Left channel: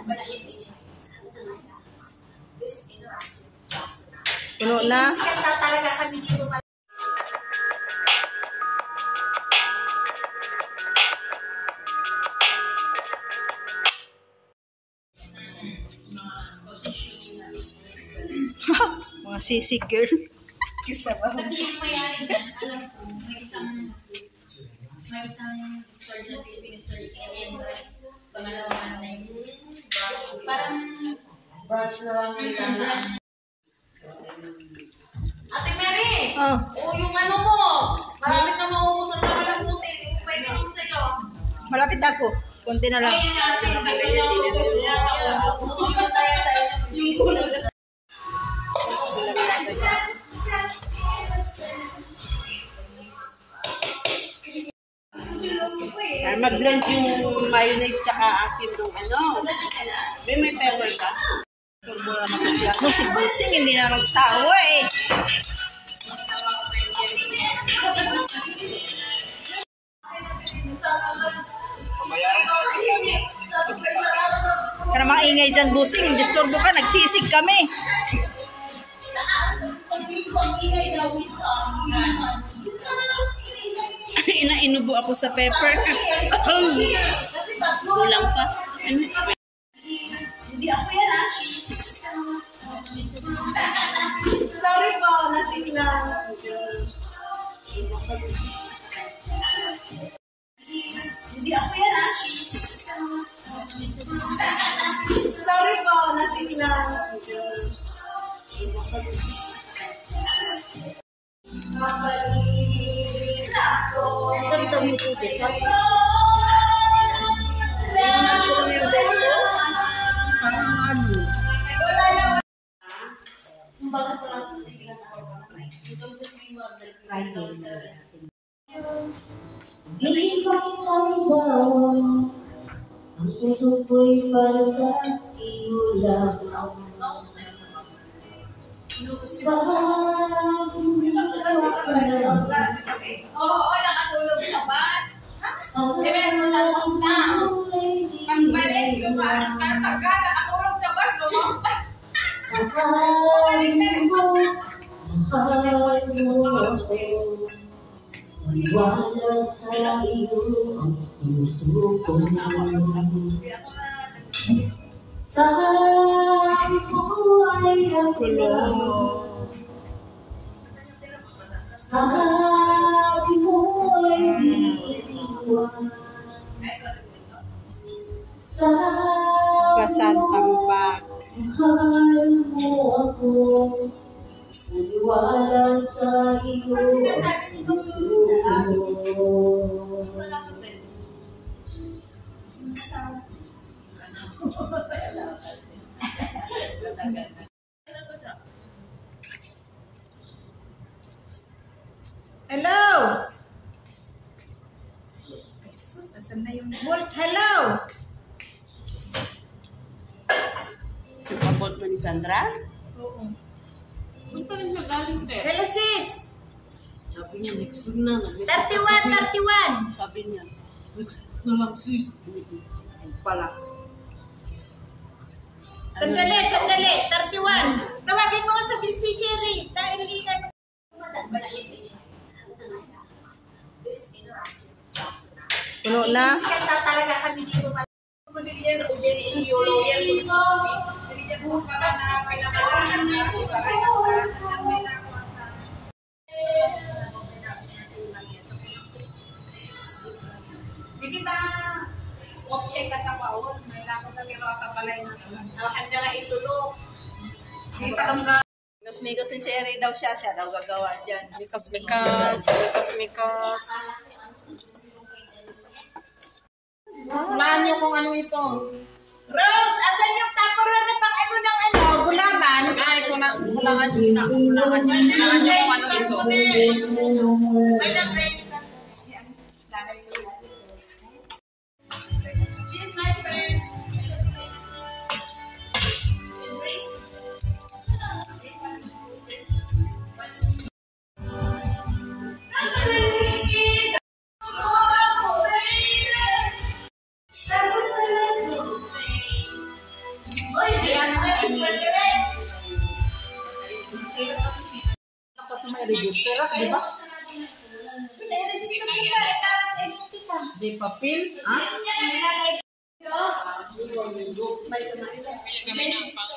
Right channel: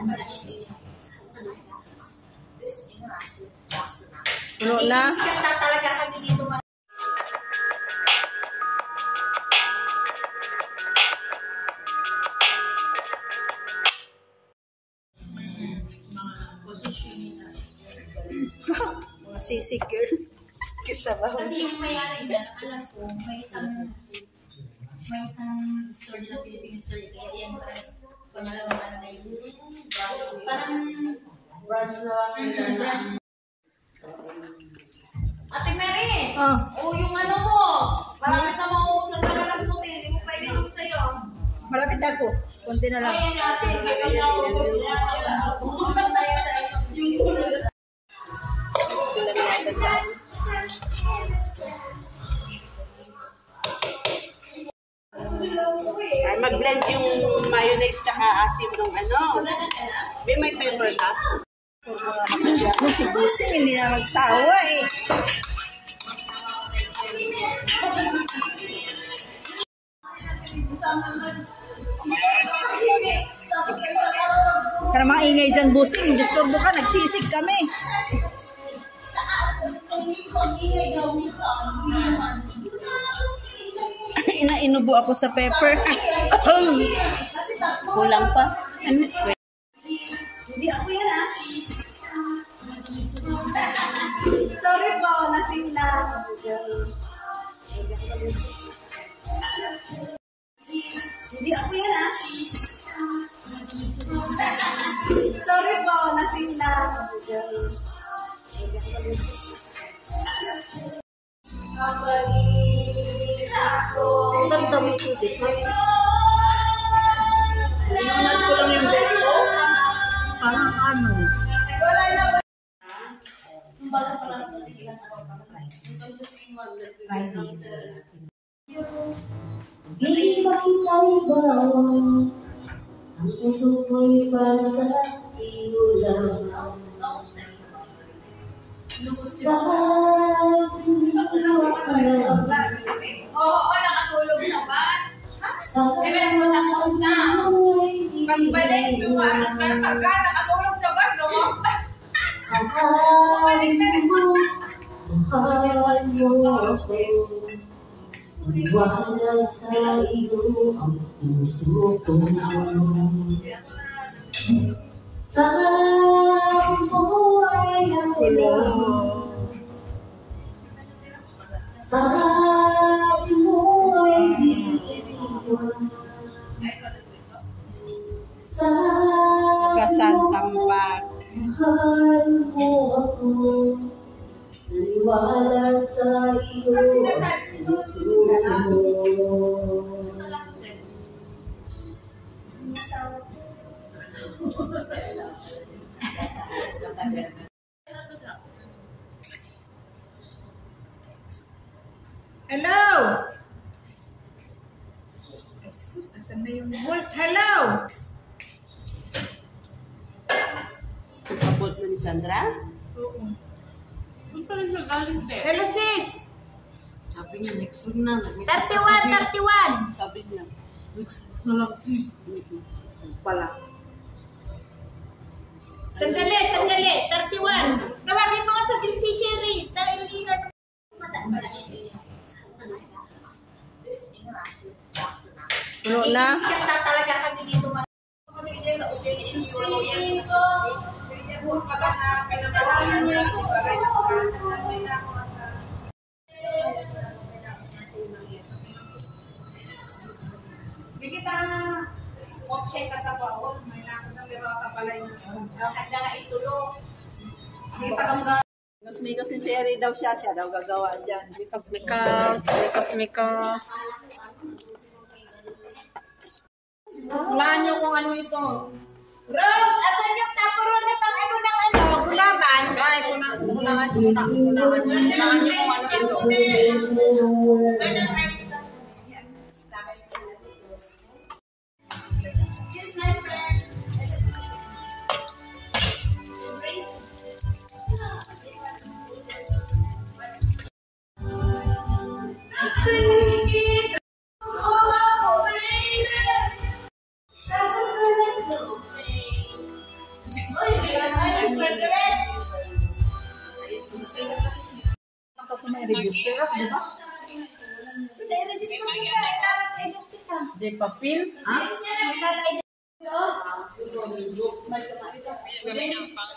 Puno na. Talaga kami dito. Mga sisig girl. Kasi yung mayari na, alam ko, may isang store na Filipino store, kaya yan rice. Pangalawa na yun. Parang branch na lang. Ate Mary! Oh, yung ano mo! Malapit na maubusan ka na lang puti. Hindi mo pa ininom sa'yo. Malapit ako. Kunti na lang. Ay, yan natin. Hindi ko na ubusan na tayo sa inyo. Mag-blend yung mayonnaise tsaka asim ng ano. May pepper ka. Si Busing hindi na magsawa eh. Para maingay dyan Busing, disturbo ka, nagsisig kami. Inubo ako sa pepper. Kulang pa. Hindi ako yan ah. Sorry po, lasing lang. Hindi ako yan ah. Sorry po, lasing lang. Parang ano? Bago pa lang ito, hindi lang ako pa. Ito sa stream mo, Hindi pa kita bawang ang puso ko'y para sa iyo lang. Sabi mo ka lang. Oo, nakatulog sa bus. Pagbalik, nakatulog sa bus, lumampas. Mahal mo ako. Wala sa iyo ang puso ko. Sabi mo ay ako lang. Sabi mo ay iiwan. Kasantambak. Mahal mo ako. Naniwala sa iyo ang puso ko. Hello! Jesus, asan na yung bolt? Hello! Bolt mo ni Sandra? Oo. Doon pa rin siya galing, te. Hello sis! Sabi niya, next week na. 31! 31! Sabi niya, next week na lang, sis. Pala. Sandali, sandali! 31! Tawagin mo ka sa si Sherry dahil ano puno na. Talaga kami dito. Sa UJE Euro yan. Hindi niya po pinapalahan na ako. Hindi kita check at ako. May nakot na pero kapalay na. Handa nga itulog. Migos ni Cherry daw siya daw gagawa dyan. Mikas. Hulaan niyo kung ano ito. Rose, asan yung tapuran pang ano ng ano? Gulaban? Guys, Kulangan nyo kung ano ito. May nang-ready ka. Cheers, my friend. Register ako, di ba? J. Papil? Ha? Kami ng pang